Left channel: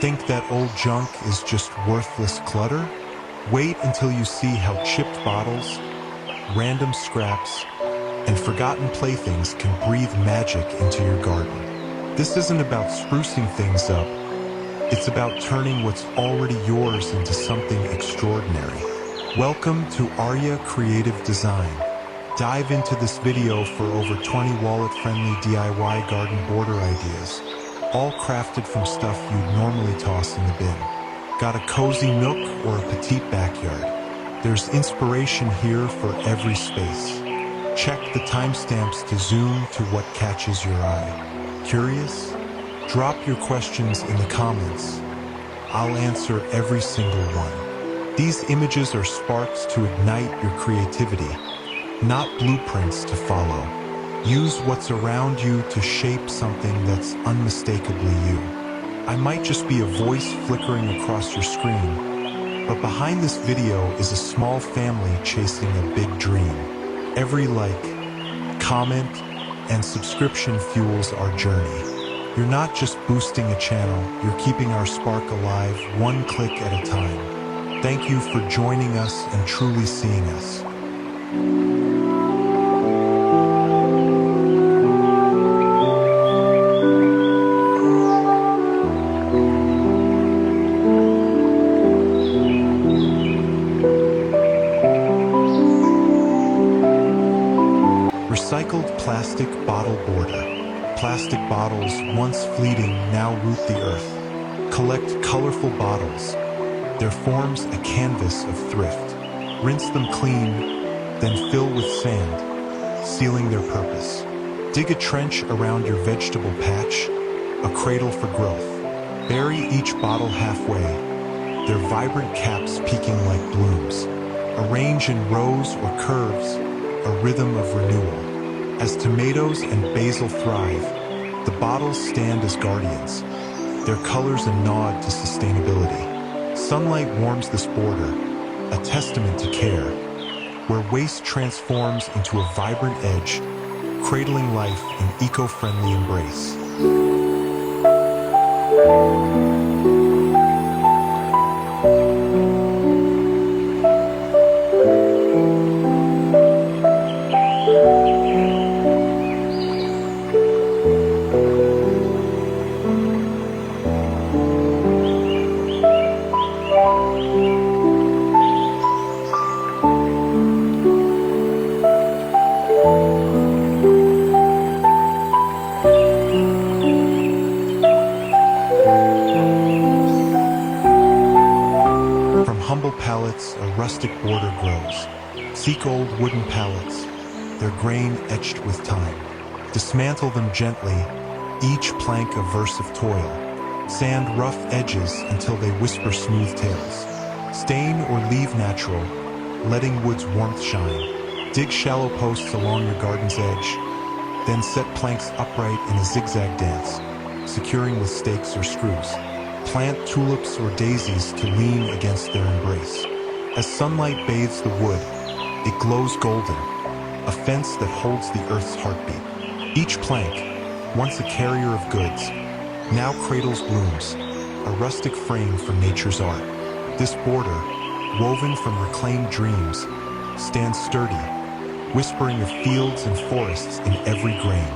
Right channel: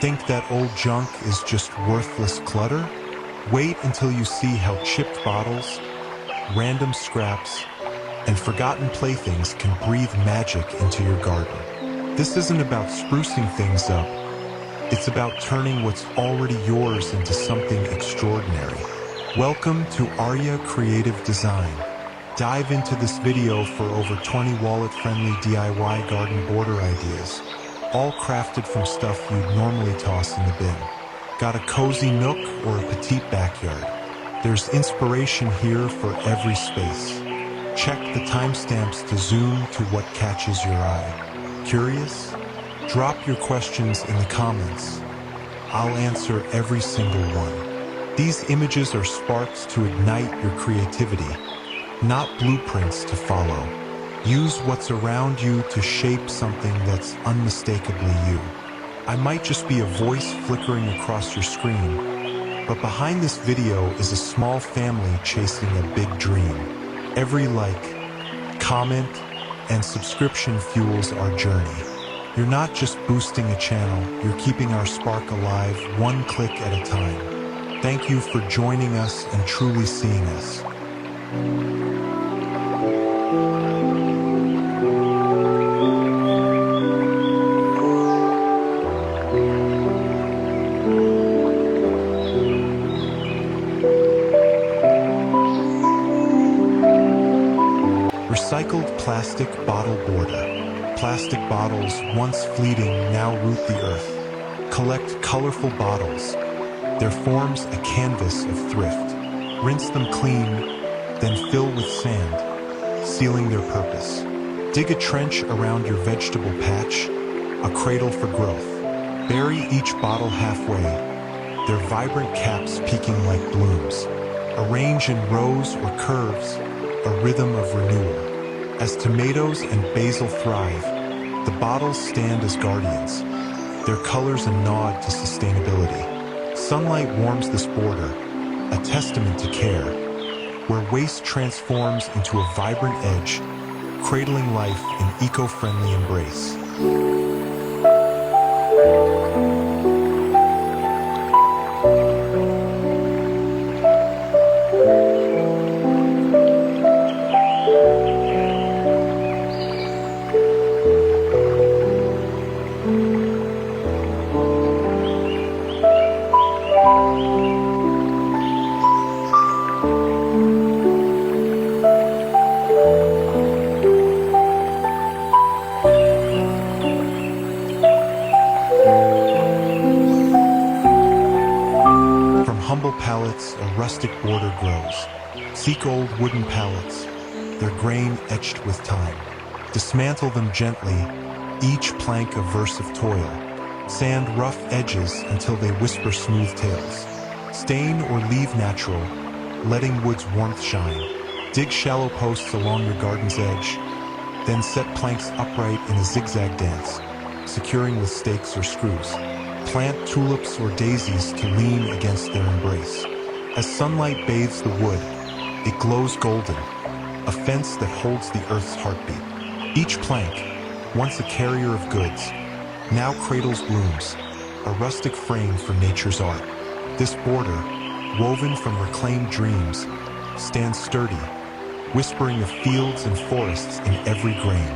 Think that old junk is just worthless clutter? Wait until you see how chipped bottles, random scraps, and forgotten playthings can breathe magic into your garden. This isn't about sprucing things up. It's about turning what's already yours into something extraordinary. Welcome to Arya Creative Design. Dive into this video for over 20 wallet-friendly DIY garden border ideas, all crafted from stuff you'd normally toss in the bin. Got a cozy nook or a petite backyard? There's inspiration here for every space. Check the timestamps to zoom to what catches your eye. Curious? Drop your questions in the comments. I'll answer every single one. These images are sparks to ignite your creativity, not blueprints to follow. Use what's around you to shape something that's unmistakably you. I might just be a voice flickering across your screen, but behind this video is a small family chasing a big dream. Every like, comment, and subscription fuels our journey. You're not just boosting a channel, you're keeping our spark alive one click at a time. Thank you for joining us and truly seeing us. Recycled plastic bottle border. Plastic bottles, once fleeting, now root the earth. Collect colorful bottles. Their form's a canvas of thrift. Rinse them clean, then fill with sand, sealing their purpose. Dig a trench around your vegetable patch, a cradle for growth. Bury each bottle halfway, their vibrant caps peeking like blooms. Arrange in rows or curves, a rhythm of renewal. As tomatoes and basil thrive, the bottles stand as guardians, their colors a nod to sustainability. Sunlight warms this border, a testament to care, where waste transforms into a vibrant edge, cradling life in eco-friendly embrace. From humble pallets, a rustic border grows. Seek old wooden pallets, their grain etched with time. Dismantle them gently, each plank a verse of toil. Sand rough edges until they whisper smooth tales. Stain or leave natural, letting wood's warmth shine. Dig shallow posts along your garden's edge, then set planks upright in a zigzag dance, securing with stakes or screws. Plant tulips or daisies to lean against their embrace. As sunlight bathes the wood, it glows golden, a fence that holds the earth's heartbeat. Each plank, once a carrier of goods, now cradles blooms, a rustic frame for nature's art. This border, woven from reclaimed dreams, stands sturdy, whispering of fields and forests in every grain.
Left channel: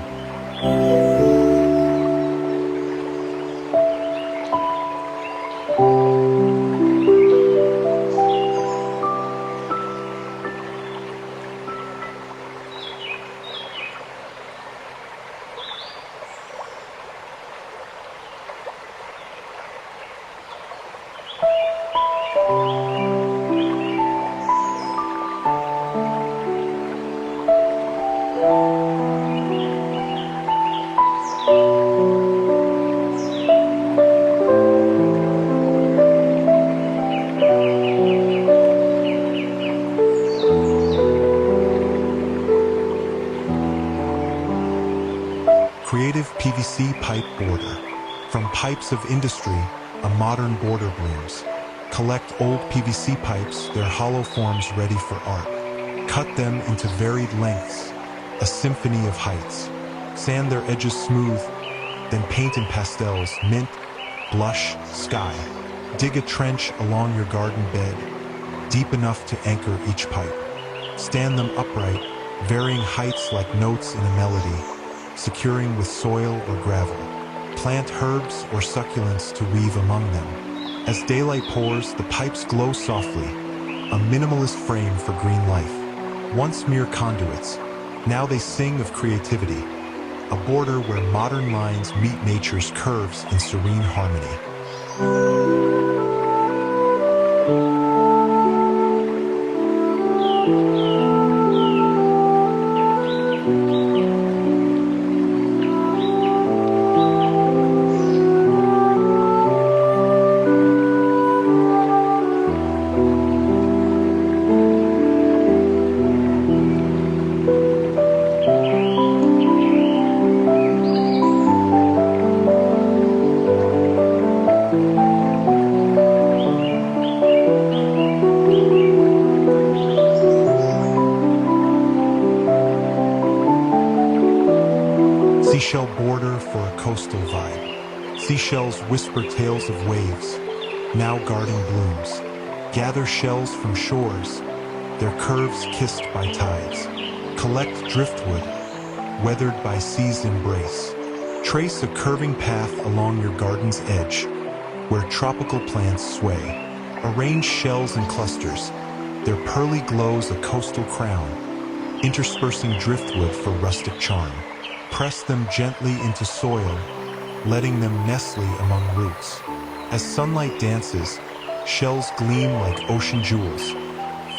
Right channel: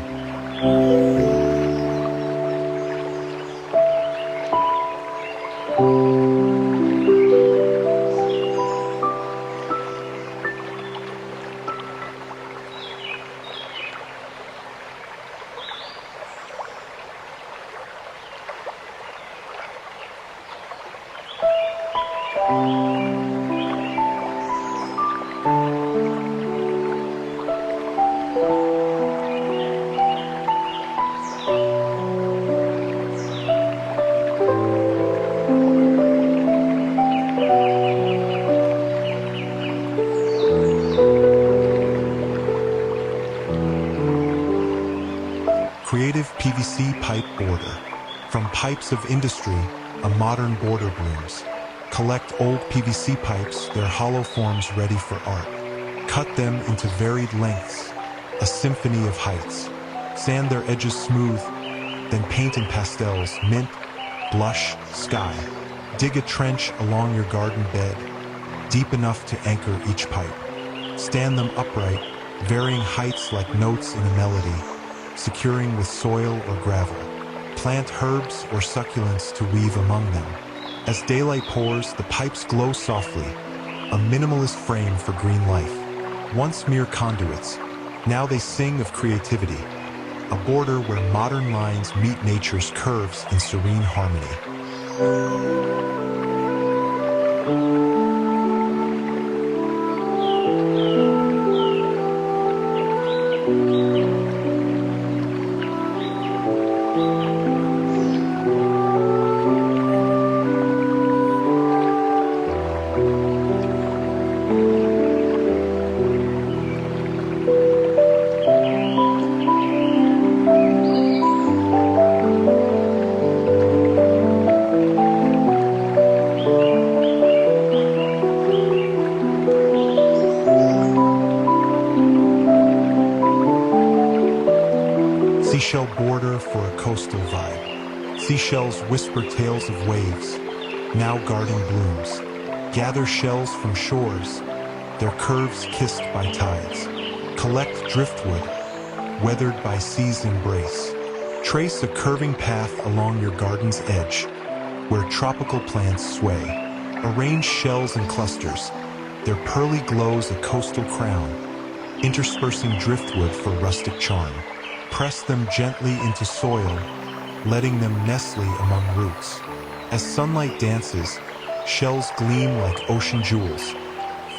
Creative PVC pipe border. From pipes of industry, a modern border blooms. Collect old PVC pipes, their hollow forms ready for art. Cut them into varied lengths, a symphony of heights. Sand their edges smooth, then paint in pastels, mint, blush, sky. Dig a trench along your garden bed, deep enough to anchor each pipe. Stand them upright, varying heights like notes in a melody, securing with soil or gravel. Plant herbs or succulents to weave among them. As daylight pours, the pipes glow softly, a minimalist frame for green life. Once mere conduits, now they sing of creativity, a border where modern lines meet nature's curves in serene harmony. Seashell border for a coastal vibe. Seashells whisper tales of waves, now guarding blooms. Gather shells from shores, their curves kissed by tides. Collect driftwood, weathered by sea's embrace. Trace a curving path along your garden's edge, where tropical plants sway. Arrange shells in clusters, their pearly glows a coastal crown, interspersing driftwood for rustic charm. Press them gently into soil, letting them nestle among roots. As sunlight dances, shells gleam like ocean jewels,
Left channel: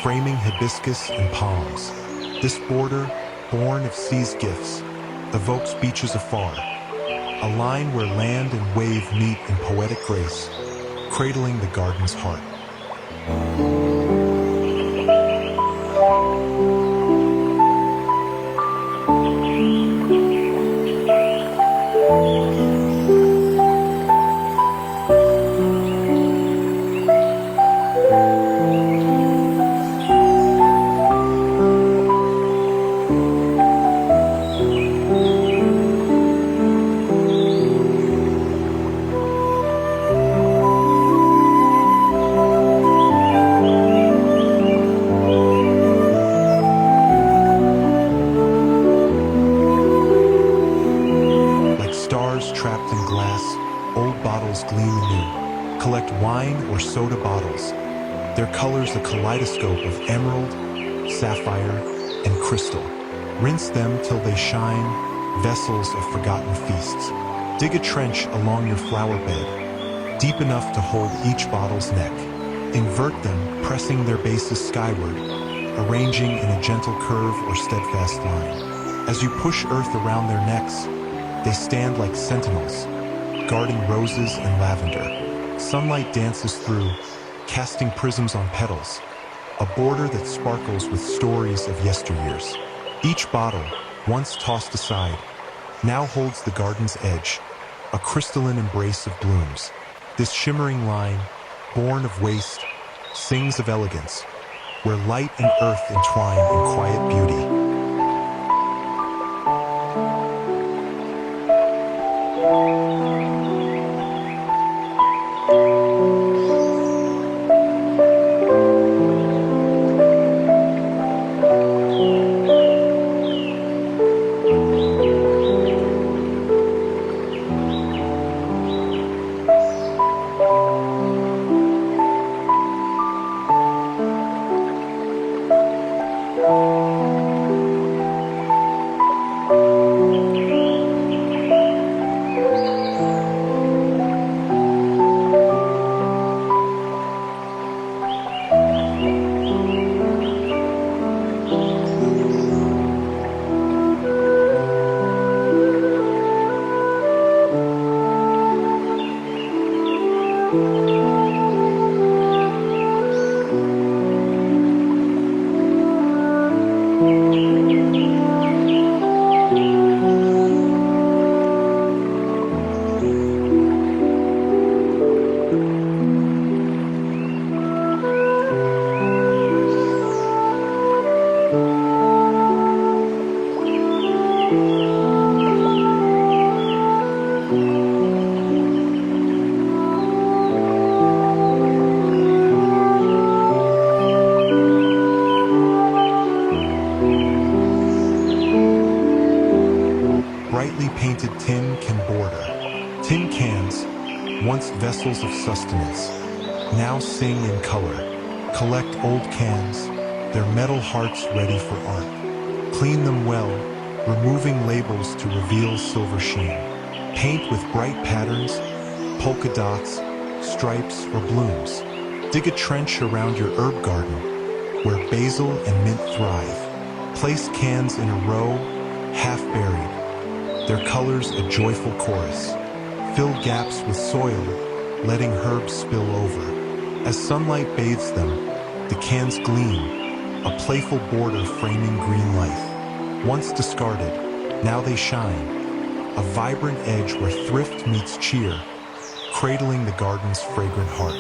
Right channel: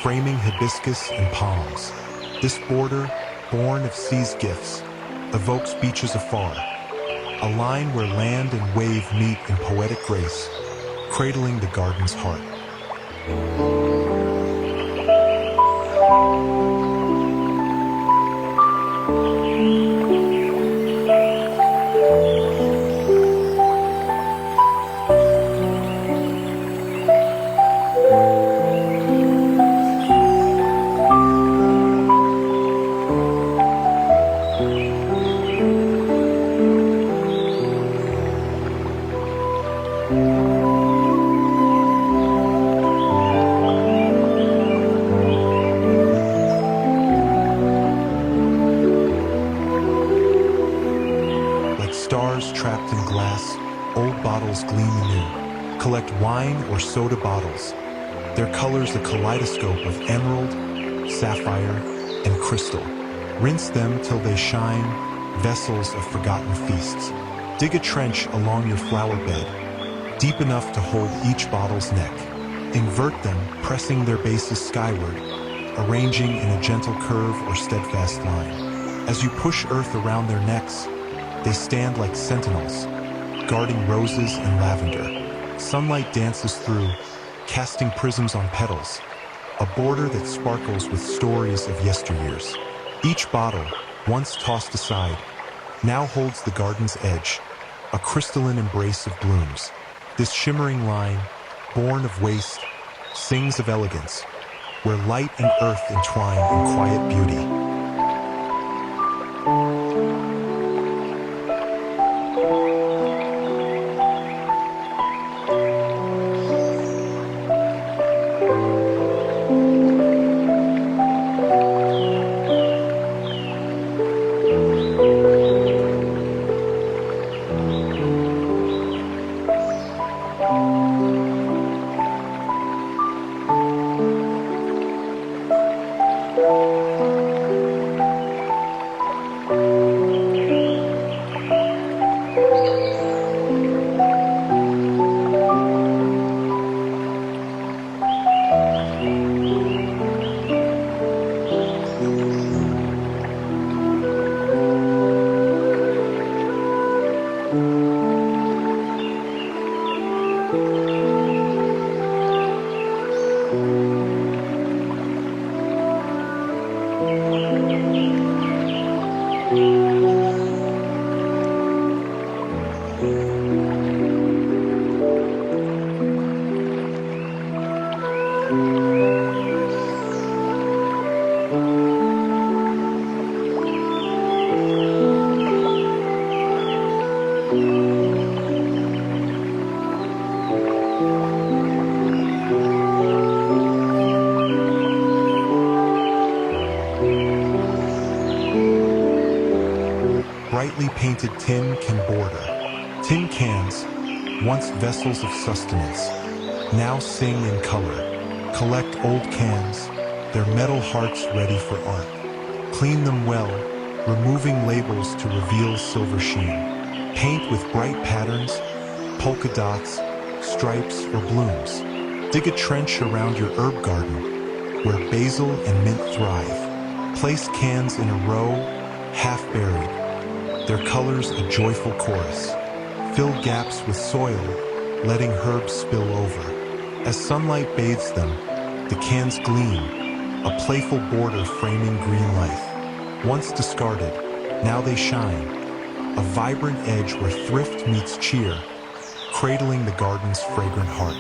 framing hibiscus and palms. This border, born of sea's gifts, evokes beaches afar, a line where land and wave meet in poetic grace, cradling the garden's heart. Stars trapped in glass, old bottles gleam anew. Collect wine or soda bottles, their colors a kaleidoscope of emerald, sapphire, and crystal. Rinse them till they shine, vessels of forgotten feasts. Dig a trench along your flower bed, deep enough to hold each bottle's neck. Invert them, pressing their bases skyward, arranging in a gentle curve or steadfast line. As you push earth around their necks, they stand like sentinels, guarding roses and lavender. Sunlight dances through, casting prisms on petals, a border that sparkles with stories of yesteryears. Each bottle, once tossed aside, now holds the garden's edge, a crystalline embrace of blooms. This shimmering line, born of waste, sings of elegance, where light and earth entwine in quiet beauty. brightly painted tin can border. Tin cans, once vessels of sustenance, now sing in color. Collect old cans, their metal hearts ready for art. Clean them well, removing labels to reveal silver sheen. Paint with bright patterns, polka dots, stripes, or blooms. Dig a trench around your herb garden, where basil and mint thrive. Place cans in a row, half buried, their colors a joyful chorus. Fill gaps with soil, letting herbs spill over. As sunlight bathes them, the cans gleam, a playful border framing green life. Once discarded, now they shine, a vibrant edge where thrift meets cheer, cradling the garden's fragrant heart.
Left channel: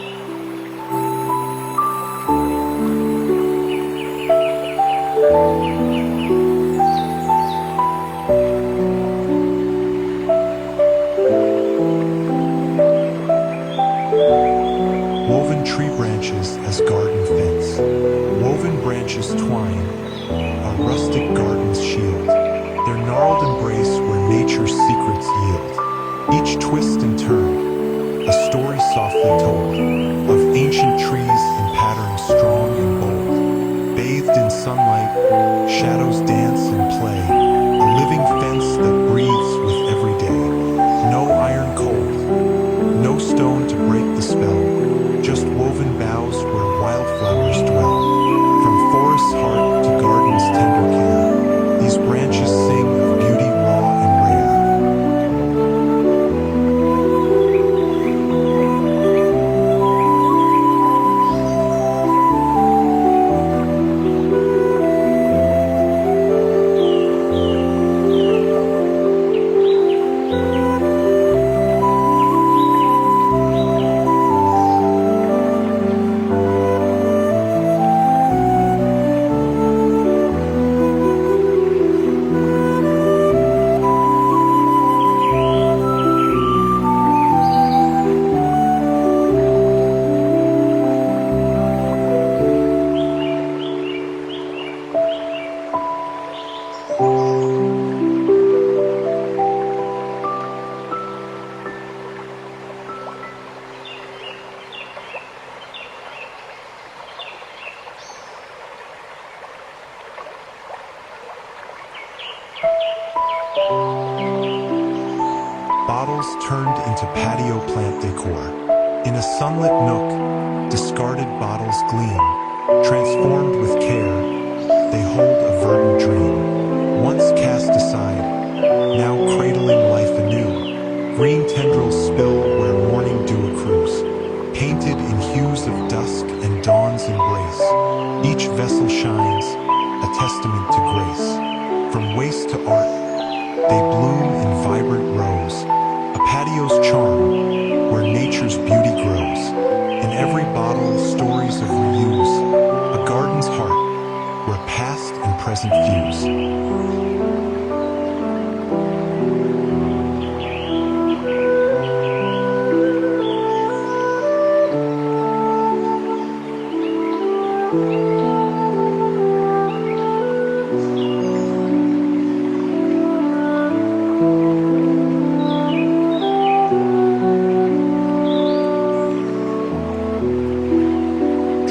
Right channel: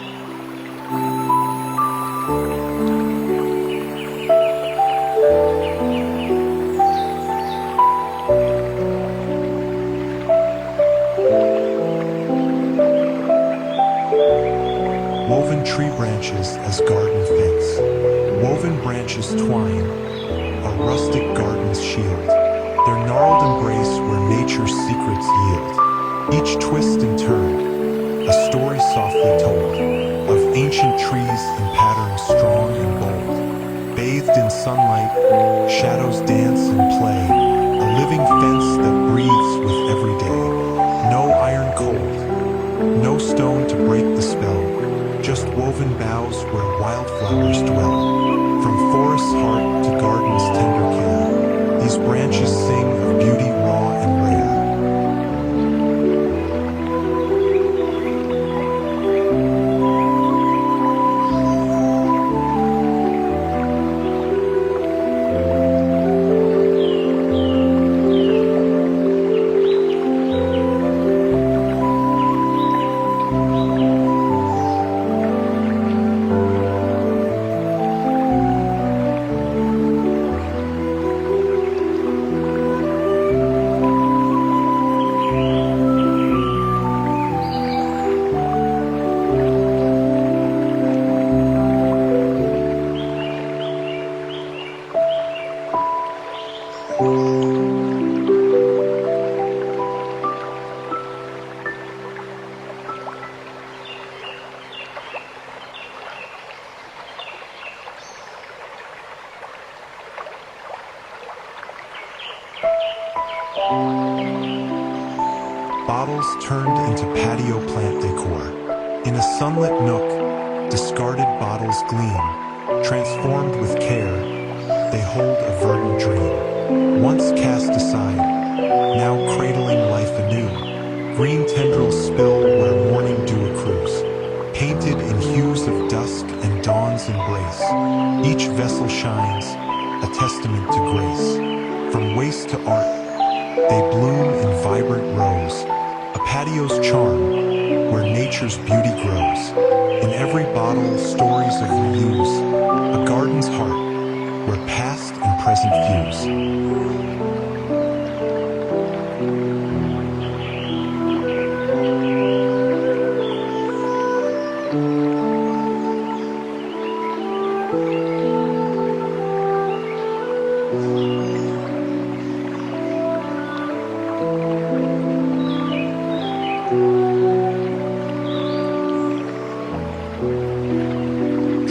Woven tree branches as garden fence. Woven branches twine, a rustic garden's shield, their gnarled embrace where nature's secrets yield. Each twist and turn, a story softly told, of ancient trees in patterns strong and bold. Bathed in sunlight, shadows dance and play, a living fence that breathes with every day. No iron cold, no stone to break the spell, just woven boughs where wildflowers dwell. From forest's heart to garden's tender care, these branches sing of beauty raw and rare. Bottles turned into patio plant decor. In a sunlit nook, discarded bottles gleam. Transformed with care, they hold a verdant dream. Once cast aside, now cradling life anew. Green tendrils spill where morning dew accrues. Painted in hues of dusk and dawn's embrace, each vessel shines, a testament to grace. From waste to art, they bloom in vibrant rows, a patio's charm, where nature's beauty grows. In every bottle, stories of reuse, a garden's heart, where past and present fuse.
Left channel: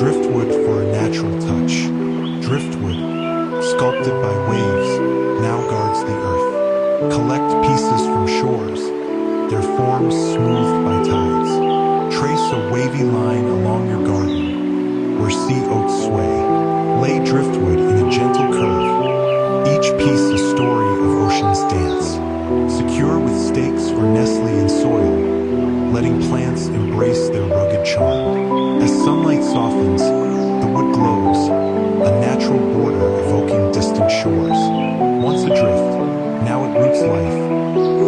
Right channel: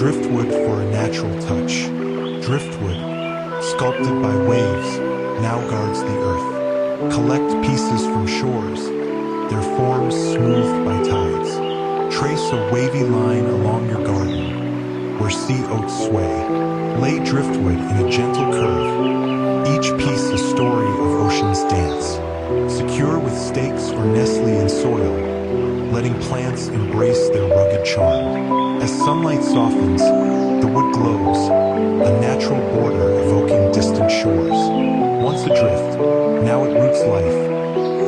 Driftwood for a natural touch. Driftwood, sculpted by waves, now guards the earth. Collect pieces from shores, their forms smoothed by tides. Trace a wavy line along your garden, where sea oats sway. Lay driftwood in a gentle curve, each piece a story of ocean's dance. Secure with stakes or nestly in soil, letting plants embrace their rugged charm. As sunlight softens, the wood glows, a natural border evoking distant shores. Once adrift, now it roots life,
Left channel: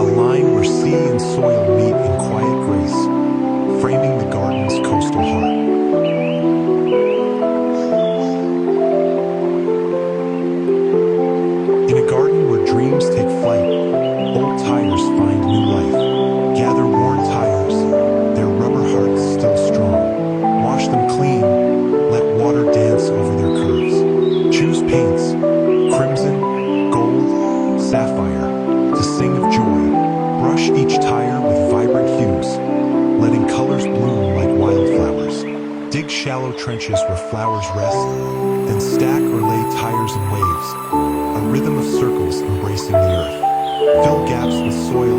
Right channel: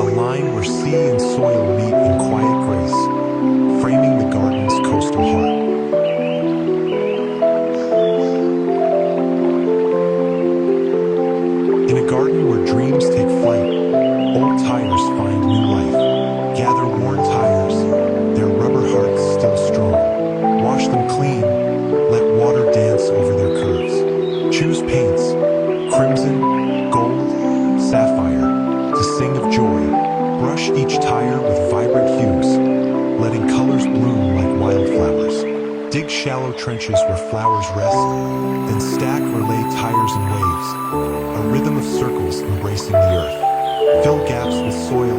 a line where sea and soil meet in quiet grace, framing the garden's coastal heart. In a garden where dreams take flight, old tires find new life. Gather worn tires, their rubber hearts still strong. Wash them clean, let water dance over their curves. Choose paints, crimson, gold, sapphire, to sing of joy. Brush each tire with vibrant hues, letting colors bloom like wildflowers. Dig shallow trenches where flowers rest, then stack or lay tires in waves, a rhythm of circles embracing the earth. Fill gaps with soil,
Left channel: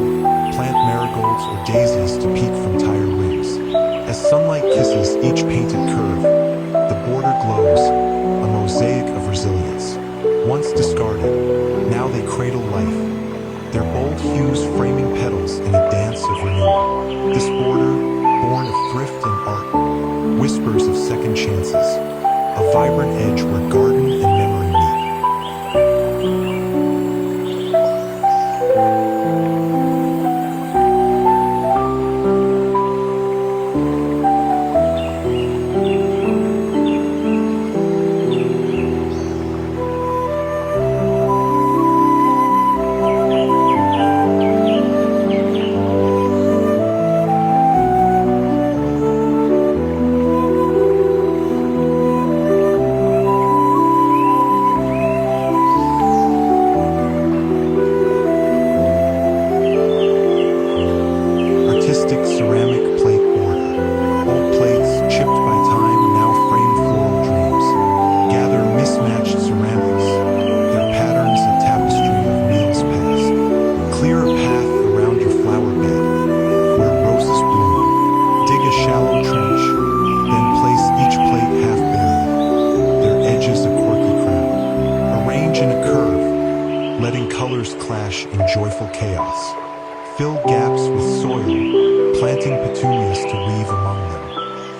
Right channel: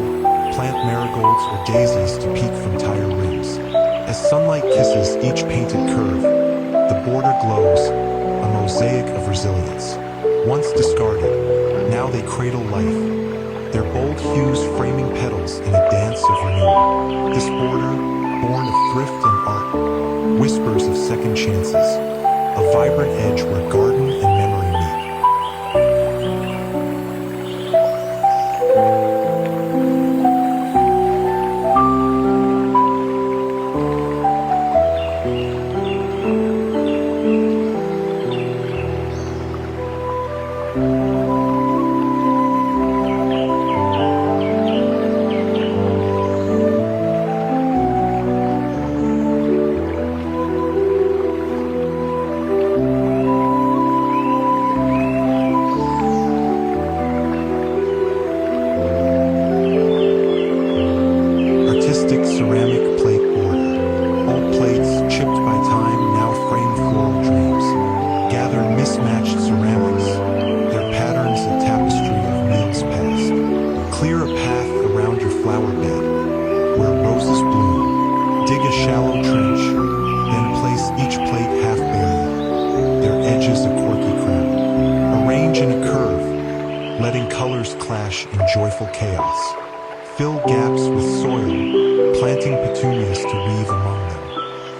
plant marigolds or daisies to peek from tire rims. As sunlight kisses each painted curve, the border glows, a mosaic of resilience. Once discarded, now they cradle life, their bold hues framing petals in a dance of renewal. This border, born of thrift and art, whispers of second chances, a vibrant edge where garden and memory meet. Artistic ceramic plate border. Old plates, chipped by time, now frame floral dreams. Gather mismatched ceramics, their patterns a tapestry of meals past. Clear a path around your flower bed, where roses bloom. Dig a shallow trench, then place each plate half buried, their edges a quirky crown. Arrange in a curve, letting colors clash in joyful chaos. Fill gaps with soil, planting petunias to weave among them.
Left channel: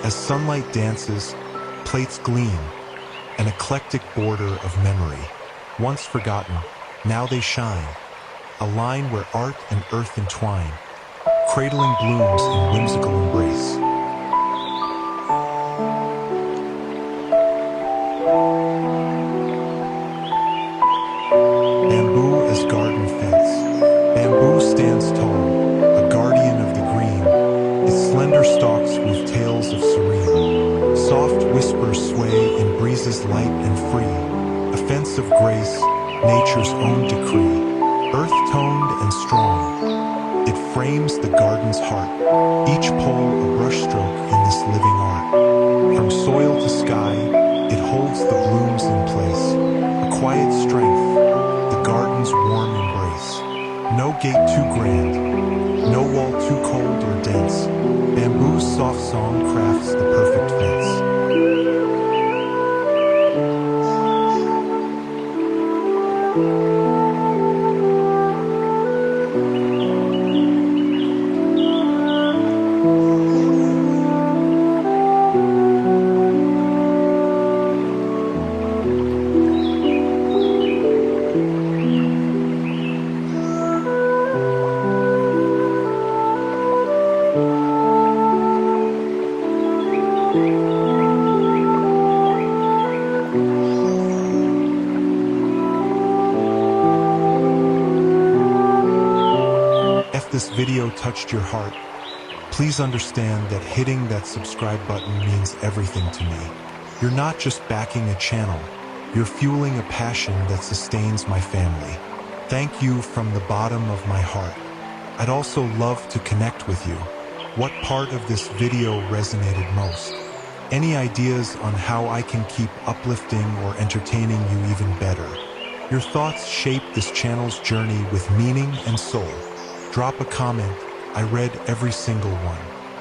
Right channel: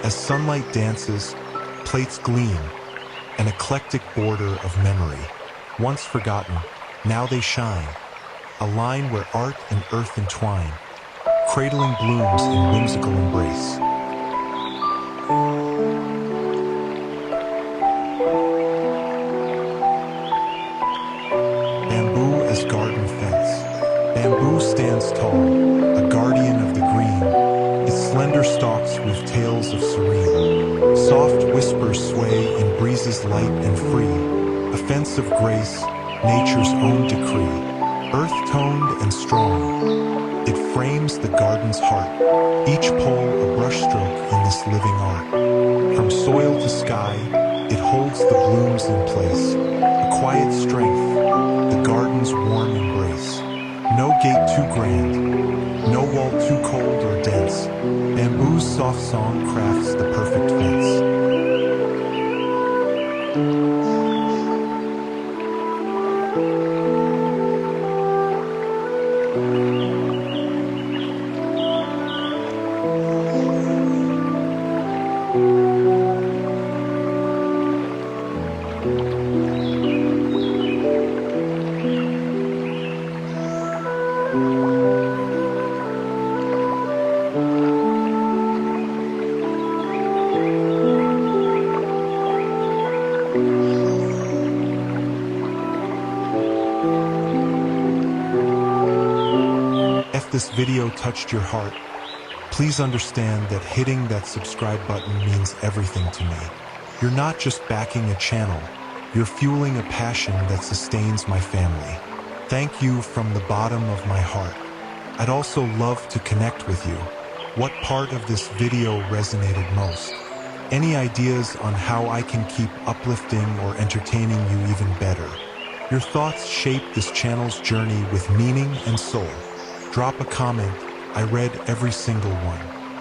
As sunlight dances, plates gleam, an eclectic border of memory. Once forgotten, now they shine, a line where art and earth entwine, cradling blooms in whimsical embrace. Bamboo as garden fence. Bamboo stands tall, a guardian of the green. Its slender stalks weave tales of serene. Soft whispers sway in breezes light and free. A fence of grace, nature's own decree. Earth-toned and strong, it frames the garden's heart. Each pole a brushstroke in this living art. From soil to sky, it holds the blooms in place. A quiet strength, the garden's warm embrace. No gate too grand, no wall too cold or dense. Bamboo's soft song crafts the perfect fence. If this video touched your heart, please understand that hitting that subscribe button means everything to me. You're not just backing a channel, you're fueling a passion that sustains my family. Thank you from the bottom of my heart. I'd also love to connect with you. What part of this video resonated most? Any ideas on how I can keep uplifting or entertaining you even better? Your thoughts shape this channel's journey with meaning and soul. Drop a comment, I read every single one.